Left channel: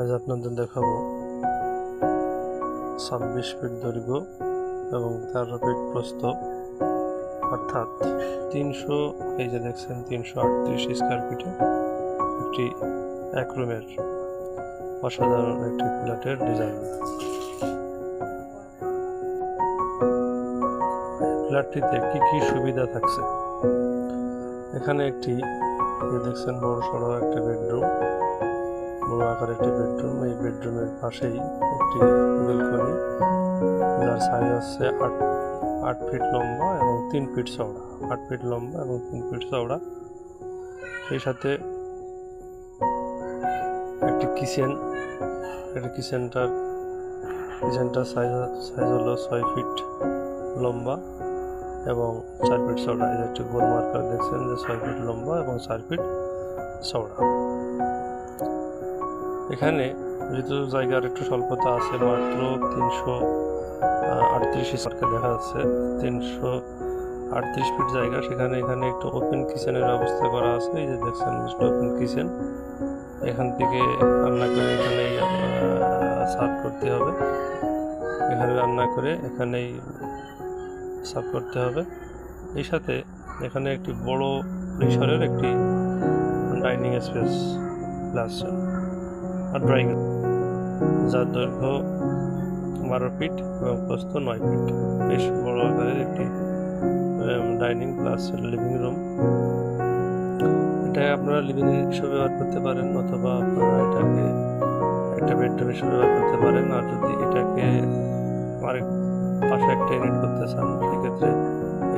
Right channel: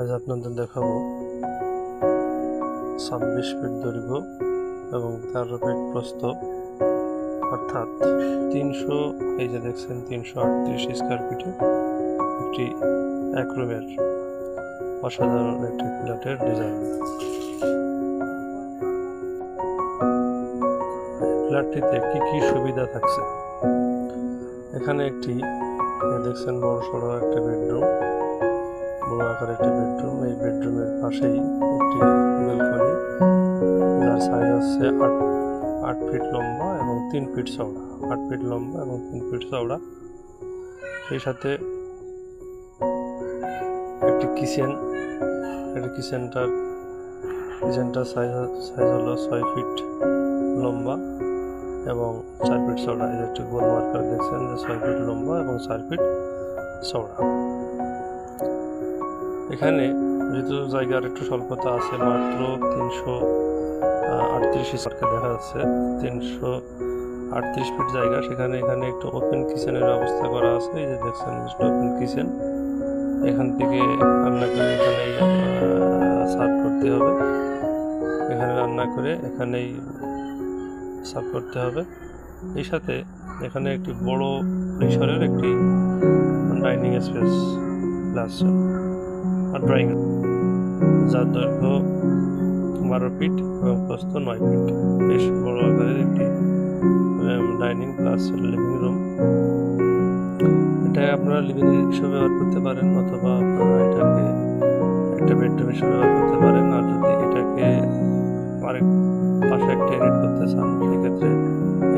আজ আপনাদের দেখাবো 26 ফিট দৈর্ঘ্য এবং 13 ফিট প্রস্থ, অর্থাৎ 300, এই যে দেখছেন 338 স্কোয়ার ফিটে একটি এক রুমের অসাধারণ একটি ফ্ল্যাটের ডিজাইন। ফ্ল্যাটটিতে কি কি সুবিধা থাকছে? এখানে একটি দেখছেন বড় সড়ো একটা বেডরুম, বড় আকার একটি বেডরুম। এই বেডরুমের পাশেই একটি ব্যালকনি, যার সাইজ আছে 8 ফিট লম্বা এবং 3 ফিট চওড়া। 8 ফিট লম্বা এবং 3 ফিট চওড়া। সেই সাথে একটি কিচেন, কিচেনটার সাইজ হলো 6 ফিট লম্বা এবং 4 ফিট চওড়া। এই যে একটি গোল মার্কার দেখছেন যে 6 ফিট লম্বা এবং 4 ফিট চওড়া। এখানে যেহেতু জায়গার একটু স্বল্পতা আছে, মাত্র 338 স্কোয়ার দেখা যাচ্ছে, 338 ফিট জায়গা। এখানে একটু ওপেন কিচেনের ব্যবস্থা করা আছে। এই যে দেখছেন ওপেন কিচেন, এখান থেকে রান্না করে এখানেই সার্ভ করতে হবে। এখানে রান্না করে এখানেই সার্ভ করতে হবে। এই সাথে এখানে একটি বড় পরিসরের একটি ডাইনিং স্পেস প্লাস আর ড্রয়িং, যার দৈর্ঘ্য 12 ফিট এবং প্রস্থ 9 ফিট। বেশ বড় আকারের একটি ডাইনিং প্লাস লিভিং রুম। এটা আপনারা লিভিং হিসেবে ব্যবহার করতে পারেন, অথবা আপনারা এটাকে একটা বেডরুম হিসেবে ব্যবহার করতে পারেন। আর যদি এটাকে আরেক পাশে একটা ইউনিট করতে চান, সেক্ষেত্রে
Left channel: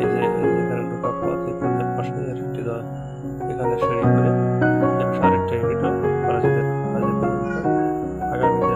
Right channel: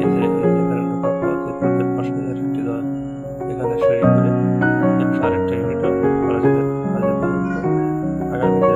এই যে এখানে ঢোকা পথ, এই পথের পাশে আরেকটি এখানে সিঁড়ি করে আরেকটা ইউনিটও করা যেতে পারে। আগামীতে